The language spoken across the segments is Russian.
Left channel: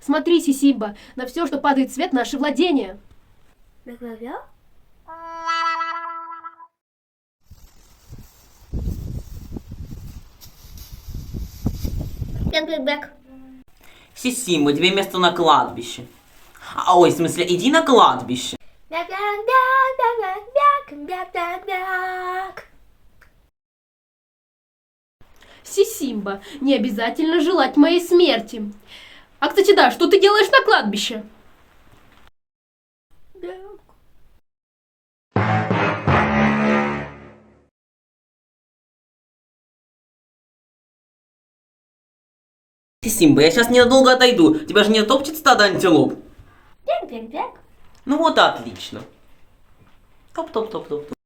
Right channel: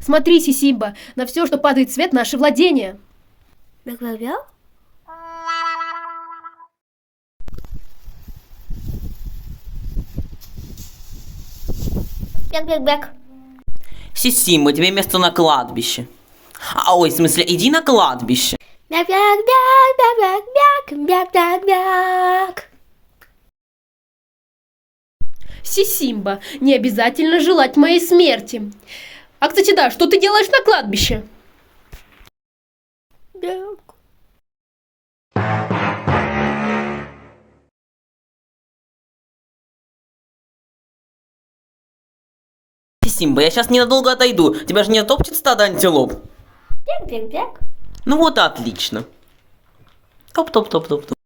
Смотри, Сисимба, на все, что падает в свет, наше владение. Бяк-бяк-бяк. Сисимба, тебе место на кладбище. Ой, в смысле, иди на кладбище. Бяк-бяк-бяк-бяк-бяк-бяк-бяк. Сисимба, не обязательно желать моей смерти. А, кстати, да, что ты делаешь на кладбище? Бяк. Сисимба, я сейчас ненадолго отойду. Тебя же не топчет стадо антилоп? Бяк-бяк-бяк. Ну вот и отлично. Топ-топ-топ-топ-топ.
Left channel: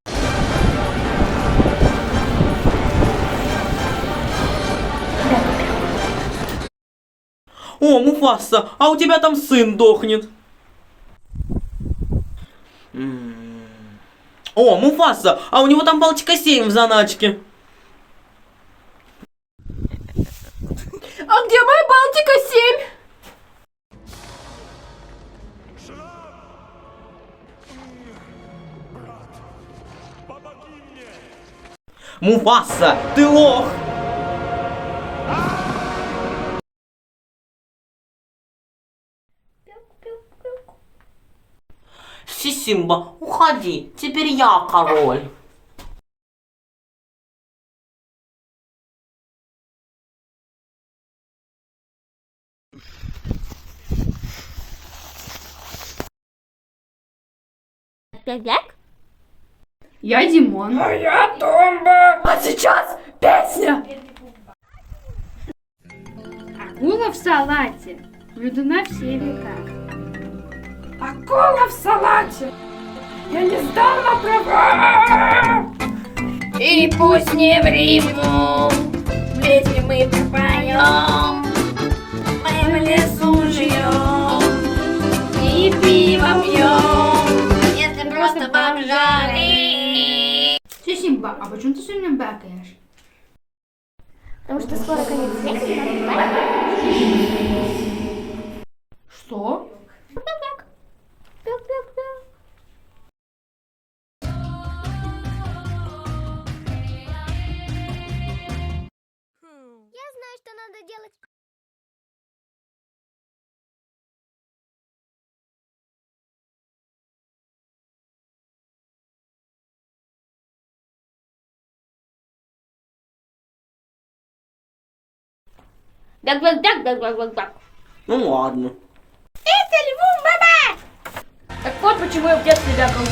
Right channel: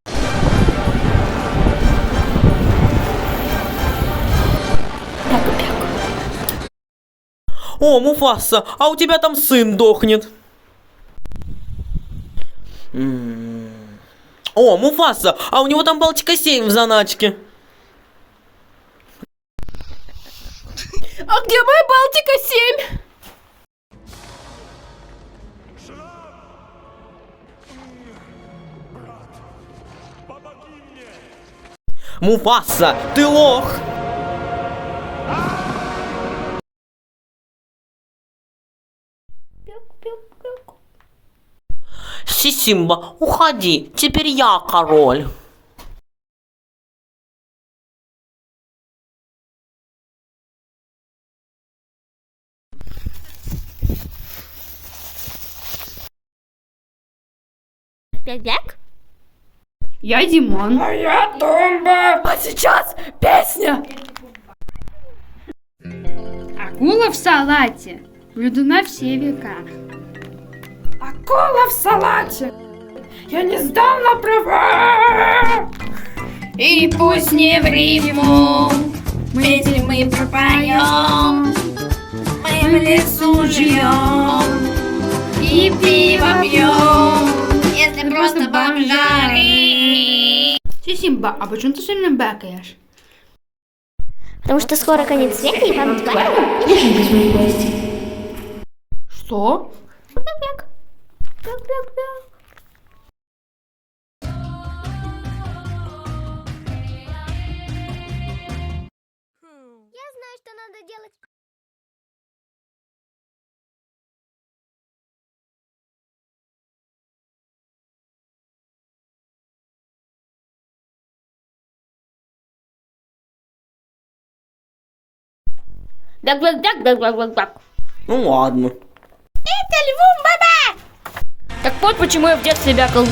О, Муфаса, а у тебя там сын дохнет. О, Муфаса, а у него там Балтика 7 в заначке. А где моя Балтика 7? Муфаса, ты лох! Бяк-бяк-бяк. Сисимба, уходи, теперь я король. Бяк-бяк. Я Димон. Моя тумба. А сейчас песня. Акула в салате. Блюдо на все века. Акула в салате. Я не сдал на права. И пусть не в рифму мы пропоем, мы в лесу живем и пиво пьем, если просто бомжары. Сисимба, а почему ты все время бакаешь? Потому что скоро конец света, и вам Что? Бяк-бяк. Бяк-бяк-бяк. Я знаю, что надо делать. Бяк-бяк-бяк-бяк-бяк-бяк. Ну ладно. Это льву, баба! Так вот почему я в детстве бегал.